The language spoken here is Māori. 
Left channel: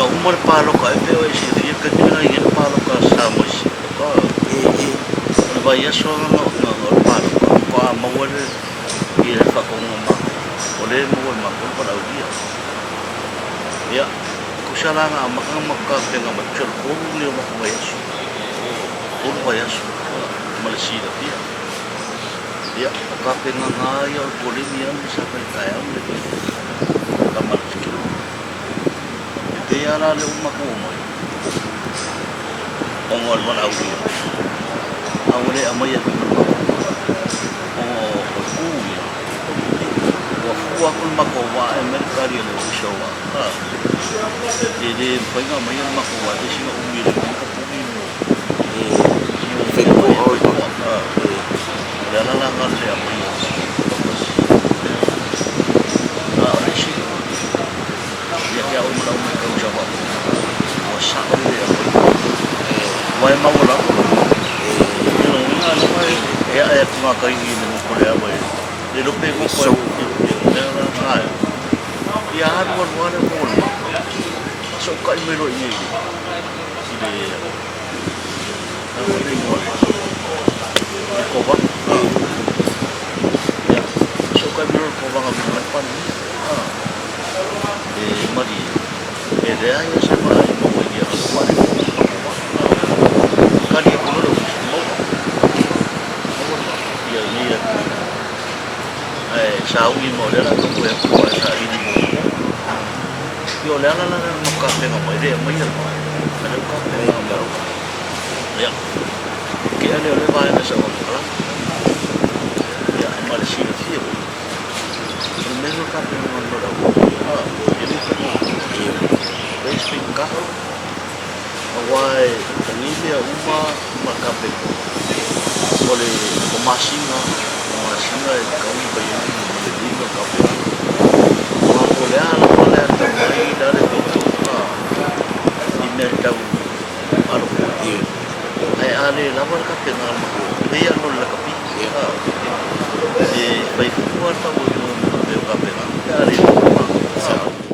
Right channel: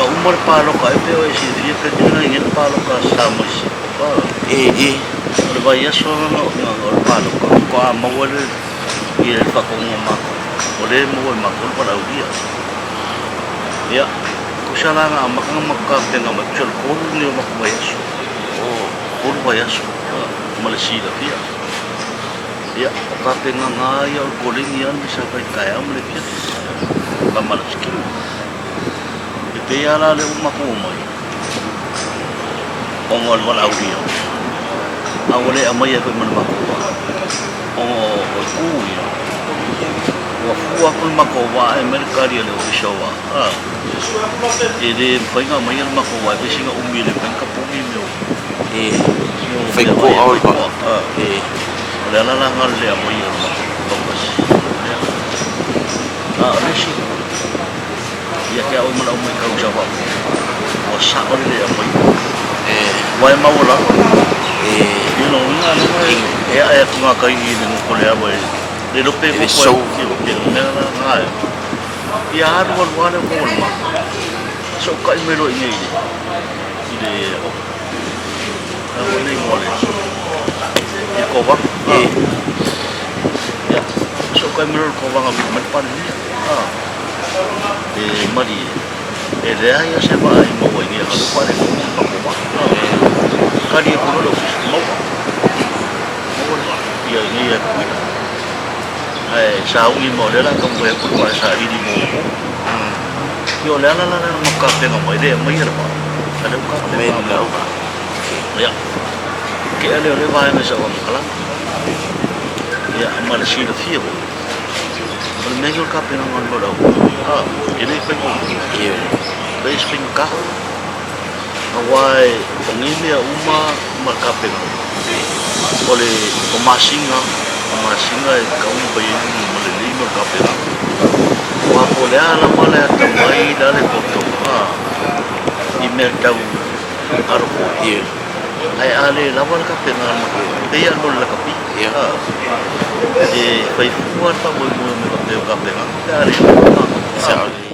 umar palo ka pe o isi ria ka tinga ngin palo ka sa mo isi ka o vai aso nga o palo ka ko a mo le i le fa ko ma o le mo ma ko para o dia ya ko sala nga makka tenga ma chol ko ni o ma ko vai aso o vai aso Malaysia dia ya ka tenga nga ya ko le ni an sa pa kaya mo le ka Malaysia te ala le umako mai ongol wala uria awale amaya ko man mako o kuya wa fuwa ko mako wa amerikari le ushawa ede foi nga mai mako wa de singa umile kan ka pumi meu foi ko au pa la ngal le amaya bagus le shi ya que hoy me la voy a causar o sabe de apoyo vai maula e não vai é com a caí no colher vai de lo pego com o nela vai e a água vai com o mar só cai melo e ele a olhe mole e cova ya só cai melo cova a vir mais para dia mari rea ya se va ai mo ni a lo pare ko mo pa ko ba ka dia ko lo mo mo ba ya ni ya ku ai sa u ni mo le la ko mo ya ku ba sa i di mo yo le la mo ka te no mo ide mo ya ba ale ka te mo ya ke ale le va na sa ko kala ya amal si de fio el medio campeón al lado ini pengen base pingka awai pengimia uma makapeng oleh pemasinga kaum bayi melili makapeng wa boleh ala boleh tamai dale foto email tahu arko ai ale lawan kapeng al mako dia nol la kapi e fai fuar pa mo me kapeng kapeng ari la